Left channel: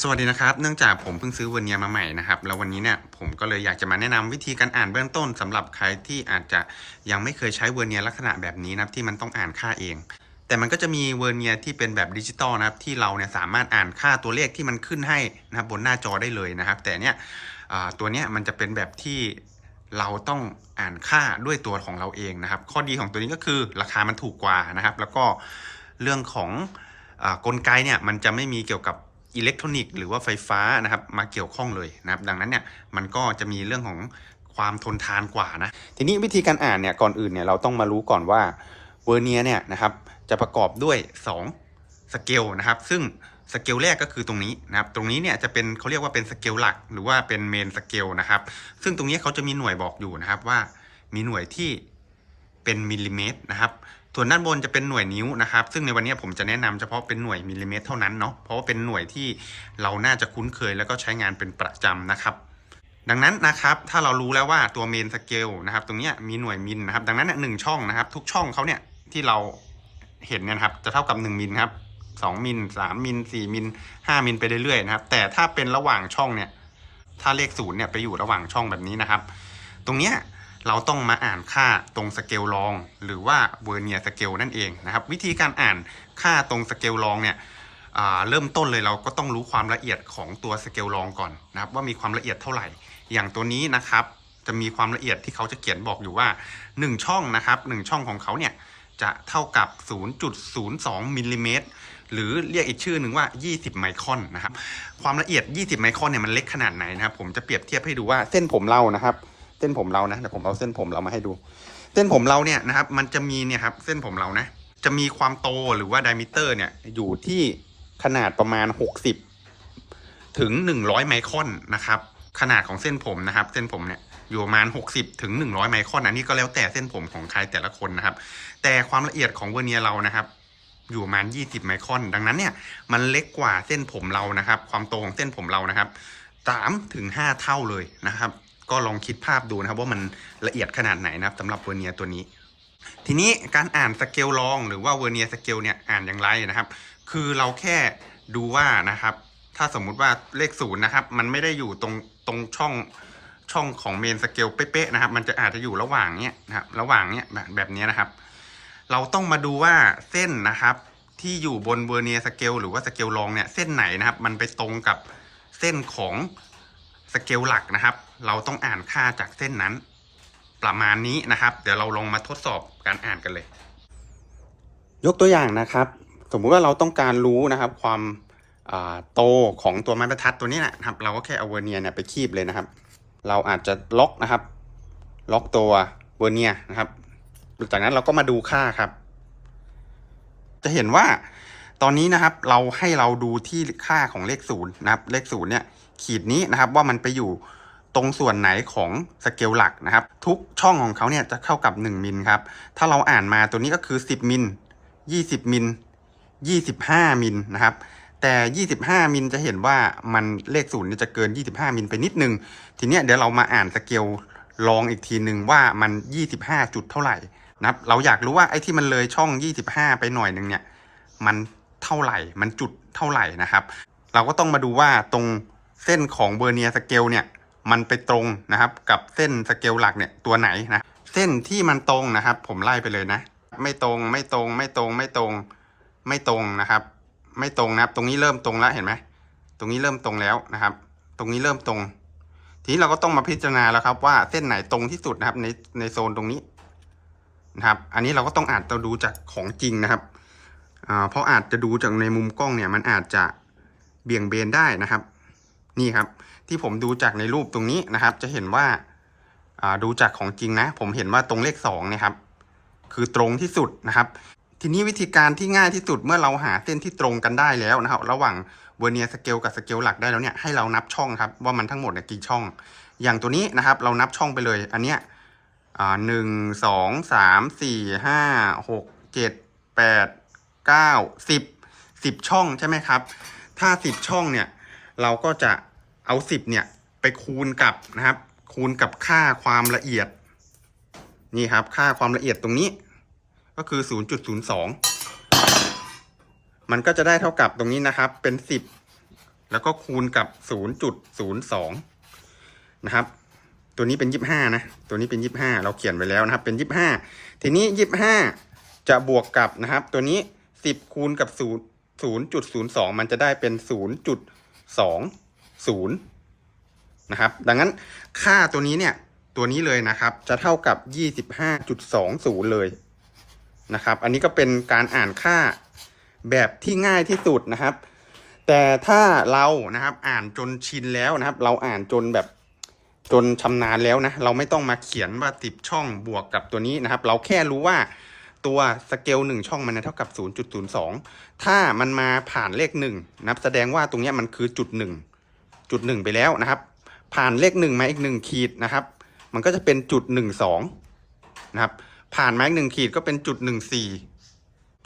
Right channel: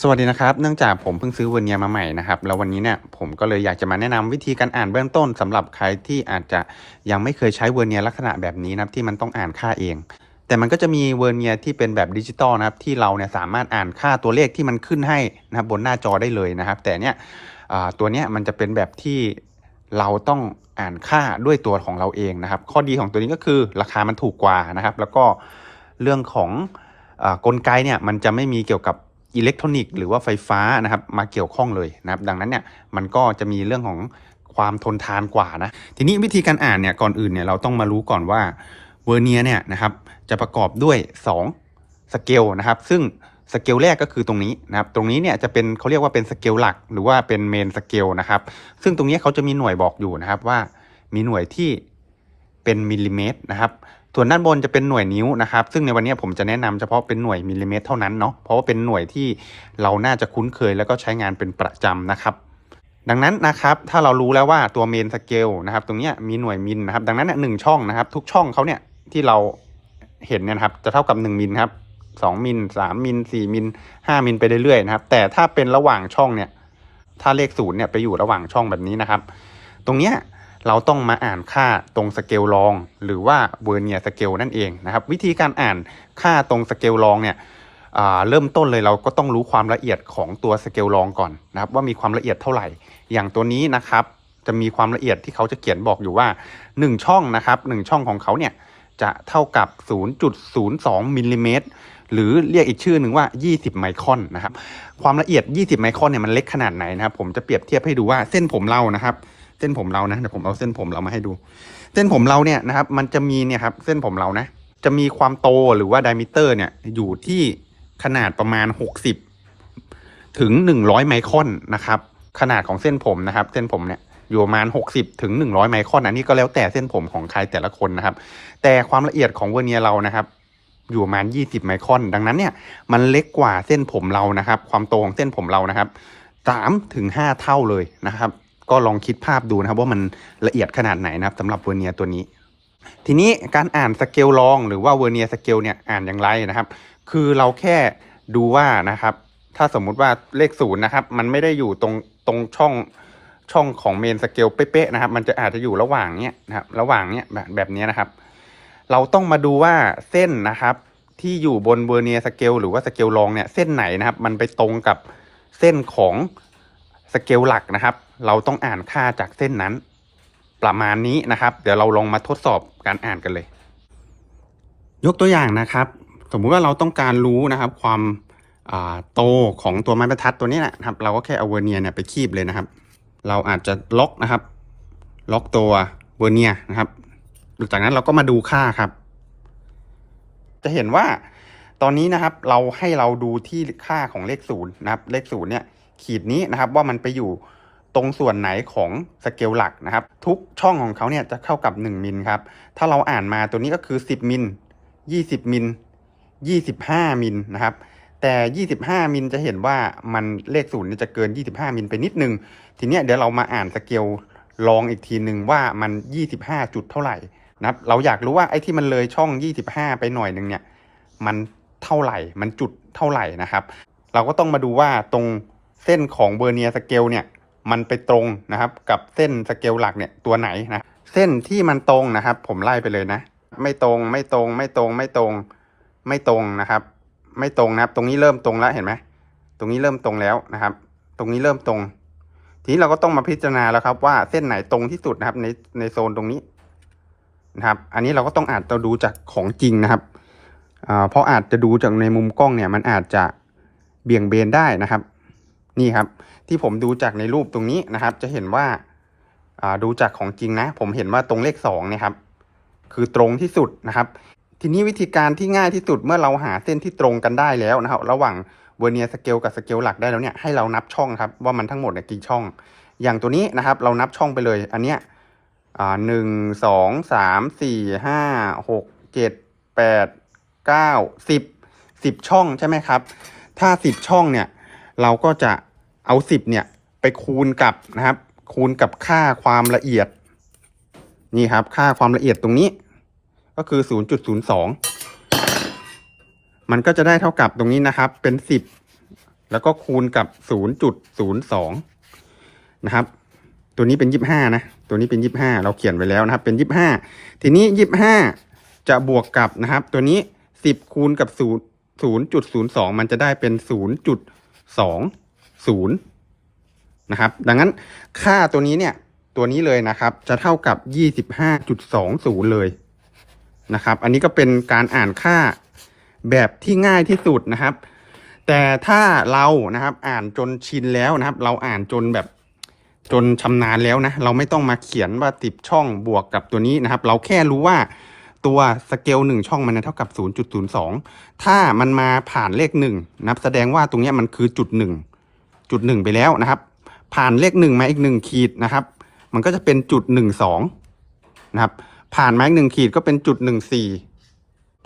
สวัสดีนะครับ เนื่องจากผมเพิ่งซื้อเวอร์เนียมาใหม่นะครับ แล้ววันนี้เนี่ยผมก็เลยอยากจะมาแนะนำวิธีการอ่านเบื้องต้นสำหรับใครที่อาจจะยังไม่เคยใช้เวอร์เนียลักษณะแบบนี้นะครับที่มันต้องอ่านค่าเอง แต่มันก็จะมีเวอร์เนียที่เป็นแบบดิจิตอลนะครับที่เราเนี่ยสามารถอ่านค่าตัวเลขที่มันขึ้นให้นะครับบนหน้าจอได้เลยนะครับ แต่เนี่ยตัวเนี้ยมันจะเป็นแบบที่เราต้องอ่านค่าด้วยตัวของเราเองนะครับ ข้อดีของตัวนี้ก็คือราคามันถูกกว่านะครับ แล้วก็เรื่องของอกลไกเนี่ยมันจะไม่มีเกี่ยวกับ อิเล็กทรอนิกส์หรือว่าไฟฟ้านะครับมาเกี่ยวข้องเลยนะครับ ดังนั้นเนี่ยมันก็จะมีเรื่องของความทนทานกว่านะ ทีนี้วิธีการอ่านเนี่ยก่อนอื่นเนี่ยเราต้องมารู้ก่อนว่าเวอร์เนียเนี่ยนะครับจะประกอบด้วย2สเกลนะครับ ซึ่งสเกลแรกก็คือตรงนี้นะครับ ตรงนี้เนี่ยจะเป็นเขาเรียกว่าเป็นสเกลหลัก หรือว่าเป็นเมนสเกลนะครับ ซึ่งตรงนี้เขาจะมีหน่วยบอกอยู่นะครับว่ามีหน่วยที่เป็นมิลลิเมตรนะครับ ส่วนด้านบนจะเป็นหน่วยนิ้วนะครับ ซึ่งในวันนี้ผมจะแนะนำเฉพาะเป็นหน่วยมิลลิเมตรเท่านั้นเนาะ เพราะว่าเป็นหน่วยที่เราน่าจะคุ้นเคยแล้วก็ใช้งานเป็นประจำนะครับ ดังนั้นนะครับถ้าเรารู้แล้วว่าตัวเมนสเกลนะครับตรงนี้มีหน่วยมิลนะครับ ดังนั้นหนึ่งช่องนะครับ ทุกช่องเขาเนี่ยที่เราเห็นเนี่ยครับจะเท่ากับ1มิลครับ2มิล3มิล4มิล5มิลไปเรื่อยๆนะครับ แต่ถ้าเป็นระหว่างช่องเนี่ยถ้าเลขศูนย์เนี่ยไปอยู่ระหว่างช่องแบบนี้นะครับ ตรงเนี้ย เราต้องมาอ่านค่าตรงสเกลรอง หรือว่าเวอร์เนียสเกลนั่นเองนะครับ วิธีการอ่านค่าตรงสเกลรองเนี่ยเริ่มต้นเลยเราก็ต้องรู้ความละเอียดของตัวสเกลรองก่อนนะครับ ว่ามีความละเอียดเท่าไหร่ อย่างตัวนี้นะครับ จะมีความละเอียดที่เขาจะเขียนบอกอยู่ว่า 1 ช่องนะครับ1ช่องของเขาเนี่ยจะเท่ากับ 0.02มิลลิเมตรหรือเรียกอีกชื่อหนึ่งว่า 20 ไมครอนนะครับ ความละเอียด 20 ไมครอนเนี่ยมันเล็กขนาดไหนนะครับ ผมจะเปรียบเทียบให้ดูว่าเส้นผมเรานะครับ เส้นผมเรานะเดี๋ยวผมเอาเส้นผมเรามาให้ดู เส้นผมเราเนี่ยนะครับ มันจะมีเนี่ยครับ เส้นผมเรานะ จะมีความโตหรือว่าไดมิเตอร์เนี่ยอยู่ที่ขนาดประมาณ 60 ถึง 100 ไมครอนนะครับ ขนาดของเส้นผมนะครับ เส้นผมเนี่ยอยู่ประมาณ 60 ถึง 100 ไมครอนอันนี้ก็แล้วแต่เส้นผมของใครแต่ละคนนะครับ แต่ความละเอียดของเวอร์เนียเรานะครับอยู่ประมาณ 20 ไมครอน ดังนั้นเนี่ย มันเล็กกว่าเส้นผมเรานะครับ ความโตของเส้นผมเรานะครับ3ถึง5เท่าเลยนะครับ ก็ลองคิดภาพดูนะครับว่ามันละเอียดขนาดไหนนะครับสำหรับเวอร์เนียตัวนี้ ทีนี้การอ่านสเกลรองหรือว่าเวอร์เนียสเกลเนี่ยอ่านอย่างไรนะครับ คือเราแค่ดูว่านะครับ ถ้าสมมุติว่าเลขศูนย์นะครับ มันไม่ได้อยู่ตรงตรงช่องช่องของเมนสเกลเป๊ะๆนะครับ มันจะอาจจะอยู่ระหว่างเนี้ยนะครับระหว่างเนี้ยแบบแบบนี้นะครับ เราต้องมาดูว่าเส้นนะครับ ที่อยู่บนเวอร์เนียสเกลหรือว่าสเกลรองเนี่ยเส้นไหนนะครับ มันไปตรงกับเส้นของ เกลหลักนะครับ เราต้องอ่านค่าจากเส้นนั้น ประมาณนี้นะครับ เดี๋ยวเราลองมาทดสอบการอ่านกันเลย ยกตัวอย่างนะครับ สมมุติว่าเราต้องการรู้นะครับ ความโตของตัวไม้บรรทัดตัวนี้นะครับ เราก็แค่เอาเวอร์เนียเนี่ยไปคีบเลยนะครับ เราอาจจะล็อกนะครับ ล็อกตัวเวอร์เนียนะครับจากนั้นเราก็มาดูค่าครับ จะเห็นว่าตอนนี้นะครับเราให้เราดูที่ค่าของเลขศูนย์นะครับ เลขศูนย์เนี่ย ขีดนี้นะครับว่ามันไปอยู่ตรงส่วนไหนของสเกลหลักนะครับ ทุกช่องของเขาเนี่ยจะเข้ากับ 1 มิลครับ ถ้าเราอ่านมาตัวนี้ก็คือ 10 มิล 20 มิล 25 มิลนะครับ แต่ 25 มิลจะเห็นว่ามันเลขศูนย์เนี่ยจะเกิน 25 มิลไปนิดนึง ทีเนี้ยเดี๋ยวเรามาอ่านสเกลลองอีกทีหนึ่งว่ามัน 25 จุดเท่าไหร่นะครับเราอยากรู้ว่าไอ้ที่มันเลยช่อง 25 ไปหน่อยหนึ่งเนี่ยมันเท่าไหร่มันจุดเท่าไหร่นะครับ เราก็ต้องมาดูว่าตรง เส้นของเบอร์เนียสเกลเนี่ยมันไปตรงนะครับ กับเส้นสเกลหลักเนี่ยตัวไหนนะเส้นที่มันตรงนะครับ ผมไล่ไปเลยนะ ไม่ตรงไม่ตรงไม่ตรงไม่ตรงไม่ตรงนะครับ ไม่ตรงนะครับ ตรงนี้เริ่มตรงแล้วเห็นไหมตรงนี้เริ่มตรงแล้วนะครับ ตรงนี้เริ่มตรง ทีนี้เราก็ต้องมาพิจารณาแล้วครับว่าเส้นไหนตรงที่สุดนะครับในในโซนตรงนี้นะครับ อันนี้เราก็ต้องอาจจะดูจากของจริงนะครับเพราะอาจจะดูจากในมุมกล้องเนี่ยมันอาจจะเบี่ยงเบนได้นะครับ นี่ครับ ที่ผมดูจากในรูปตรงนี้นะครับ จะเห็นว่าดูจากของจริงนะ ผมเห็นว่าตรงเลขสองเนี่ยครับ คือตรงที่สุดนะครับ ทีนี้วิธีการที่ง่ายที่สุดเมื่อเราหาเส้นที่ตรงกันได้แล้วนะครับ ระหว่างเวอร์เนียสเกลกับสเกลหลักได้แล้วเนี่ยให้เรานับช่องครับว่ามันทั้งหมดเนี่ยกี่ช่อง อย่างตัวนี้นะครับ เรานับช่องไปเลย อันเนี้ยหนึ่งสองสามสี่ห้าหกเจ็ดแปดเก้าสิบสิบช่องใช่ไหมครับ ถ้าสิบช่องเนี่ย เราก็จะ เอาสิบเนี่ย ไปคูณกับนะครับ คูณกับค่าความละเอียด นี่ครับ ค่าความละเอียดตรงนี้ ก็คือ0.02มันก็จะได้เท่ากับตรงนี้นะครับ เป็น10แล้วก็คูณกับศูนย์จุดศูนย์สองนะครับ ตัวนี้เป็นยี่ห้านะ ตัวนี้เป็นยี่ห้าเราเขียนไว้แล้วนะครับ เป็นยี่ห้าทีนี้ยี่ห้าจะบวกกับนะครับ ตัวนี้สิบคูณกับศูนย์ศูนย์จุดศูนย์สองมันจะได้เป็นศูนย์จุดสอง ศูนย์นะครับ ดังนั้นค่าตัวนี้เนี่ย ตัวนี้เลยนะครับ จะเท่ากับยี่สิบห้าจุดสองศูนย์เลยนะครับ อันนี้ก็เป็นการอ่านค่าแบบที่ง่ายที่สุดนะครับ แต่ถ้าเรานะครับ อ่านจนชินแล้วนะครับ เราอ่านจนแบบจนชำนาญแล้วนะ เราไม่ต้องมาเขียนว่าติบช่องบวกกับตัวนี้นะครับ เราแค่รู้ว่าตัวสเกลหนึ่งช่องมันเท่ากับ 0.02 ถ้ามันมาผ่านเลขหนึ่งนับแสดงว่าตรงนี้มันคือจุดหนึ่ง จุดหนึ่งไปแล้วนะครับ ผ่านเลขหนึ่งมาอีกหนึ่งขีดนะครับ มันก็จะเป็นจุดหนึ่งสองนะครับ ผ่านมาอีกหนึ่งขีดก็เป็นจุดหนึ่งสี่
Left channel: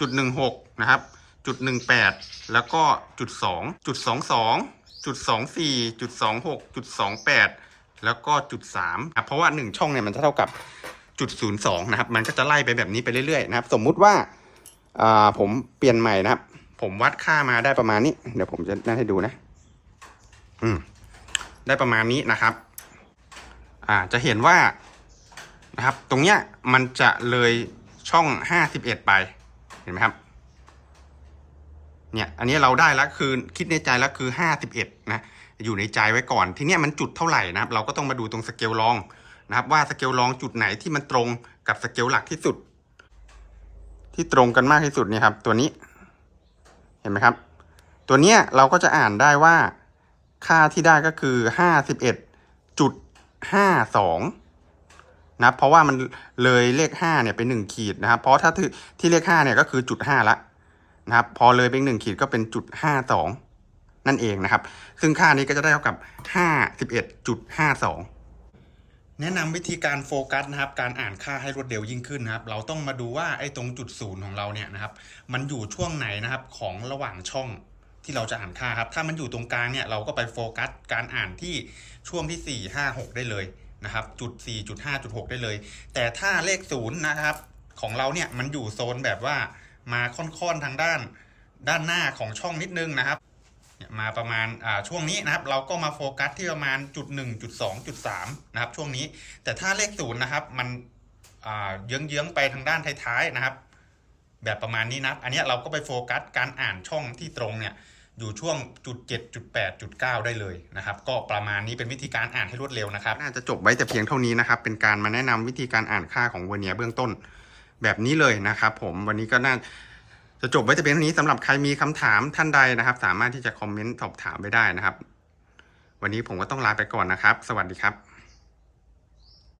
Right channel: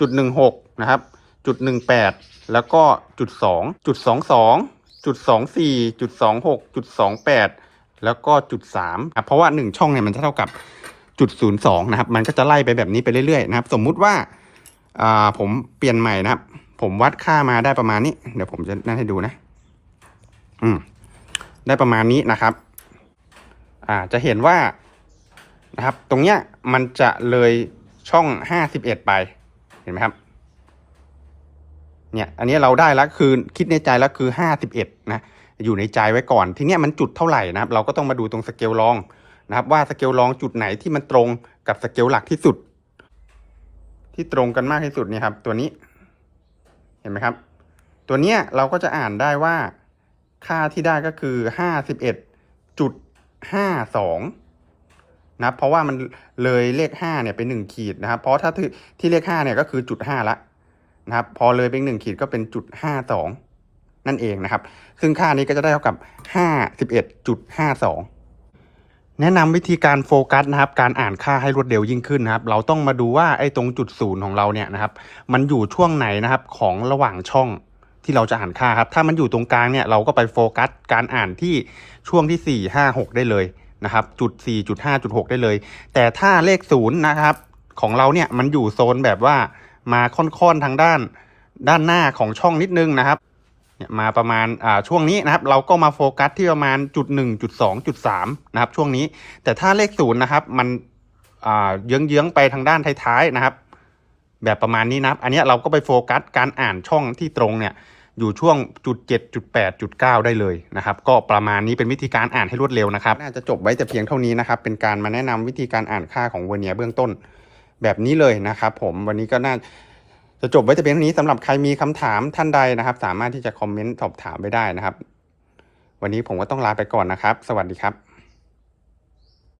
จุดหนึ่งหกนะครับจุดหนึ่งแปดแล้วก็จุดสองจุดสองสองจุดสองสี่จุดสองหกจุดสองแปดแล้วก็จุดสามเพราะว่าหนึ่งช่องเนี่ยมันจะเท่ากับจุดศูนย์สองนะครับ มันก็จะไล่ไปแบบนี้ไปเรื่อยๆนะครับ สมมุติว่าอ่าผมเปลี่ยนใหม่นะครับ ผมวัดค่ามาได้ประมาณนี้ เดี๋ยวผมจะนั่งให้ดูนะ อืม ได้ประมาณนี้นะครับ อ่า จะเห็นว่านะครับ ตรงเนี้ยมันจะเลยช่องห้าสิบเอ็ดไป เห็นไหมครับ เนี่ย อันนี้เราได้แล้วคือคิดในใจแล้วคือห้าสิบเอ็ดนะ อยู่ในใจไว้ก่อน ทีเนี้ยมันจุดเท่าไหร่นะครับ เราก็ต้องมาดูตรงสเกลรองนะครับ ว่าสเกลรองจุดไหนที่มันตรงกับสเกลหลักที่สุด ที่ตรงกันมากที่สุดเนี่ยครับ ตัวนี้ เห็นไหมครับ ตัวเนี้ยเราก็จะอ่านได้ว่า ค่าที่ได้ก็คือห้าสิบเอ็ดจุดห้าสองนะครับเพราะว่ามันเลยเลขห้าเนี่ยเป็นหนึ่งขีดนะครับ เพราะถ้าที่ที่เลขห้าเนี่ยก็คือจุดห้าละนะครับ พอเลยเป็นหนึ่งขีดก็เป็นจุดห้าสองนั่นเองนะครับ ซึ่งค่านี้ก็จะได้เท่ากับห้าสิบเอ็ดจุดห้าสองแนะนำวิธีการโฟกัสนะครับ การอ่านค่าให้รวดเร็วยิ่งขึ้นนะครับ เราต้องมาดูว่าไอ้ตรงจุดศูนย์ของเราเนี่ยนะครับ มันอยู่ช่วงไหนนะครับของระหว่างช่อง ที่เราจะอ่านค่าครับ ถ้ามันอยู่ตรงกลางเนี่ยเราก็ไปโฟกัสการอ่านที่ช่วงที่ 4 5 6 ได้เลยนะครับจุด4จุด5จุด6ได้เลย แต่ถ้าเลขศูนย์นะครับของเราเนี่ยมันอยู่โซนแบบว่ามาค่อนๆทางด้านด้านหน้าของช่องนิดนึงนะครับเนี่ยมาประมาณอ่าช่วงนี้นะครับ เราก็มาโฟกัสที่ประมาณจุดหนึ่งจุดสองจุดสามนะครับ ช่วงนี้ แต่ถ้าเลขศูนย์นะครับ มันอ่าเยื้องๆไปทางด้านท้ายๆนะครับ แบบประมาณนี้นะครับ อันนี้เราก็ไปโฟกัสการอ่านช่องที่ตรงเนี่ย อยู่ช่วงจุดเจ็ดจุดแปดจุดเก้าได้เลยนะครับ ก็ประมาณนี้เป็นวิธีการอ่านให้รวดเร็วนะครับ น่าจะจบไว้แต่เพียงเท่านี้นะครับ เป็นการมาแนะนำวิธีการอ่านค่าของเวอร์เนียร์เบื้องต้นแบบนี้เลยนะครับผมวันนี้ก็น่าจะจบไว้แต่เพียงเท่านี้สำหรับใครมีคำถามท่านใดนะครับ สามารถที่จะคอมเมนต์สอบถามไปได้นะครับ วันนี้ผมก็ต้องลาไปก่อนนะครับ สวัสดีครับ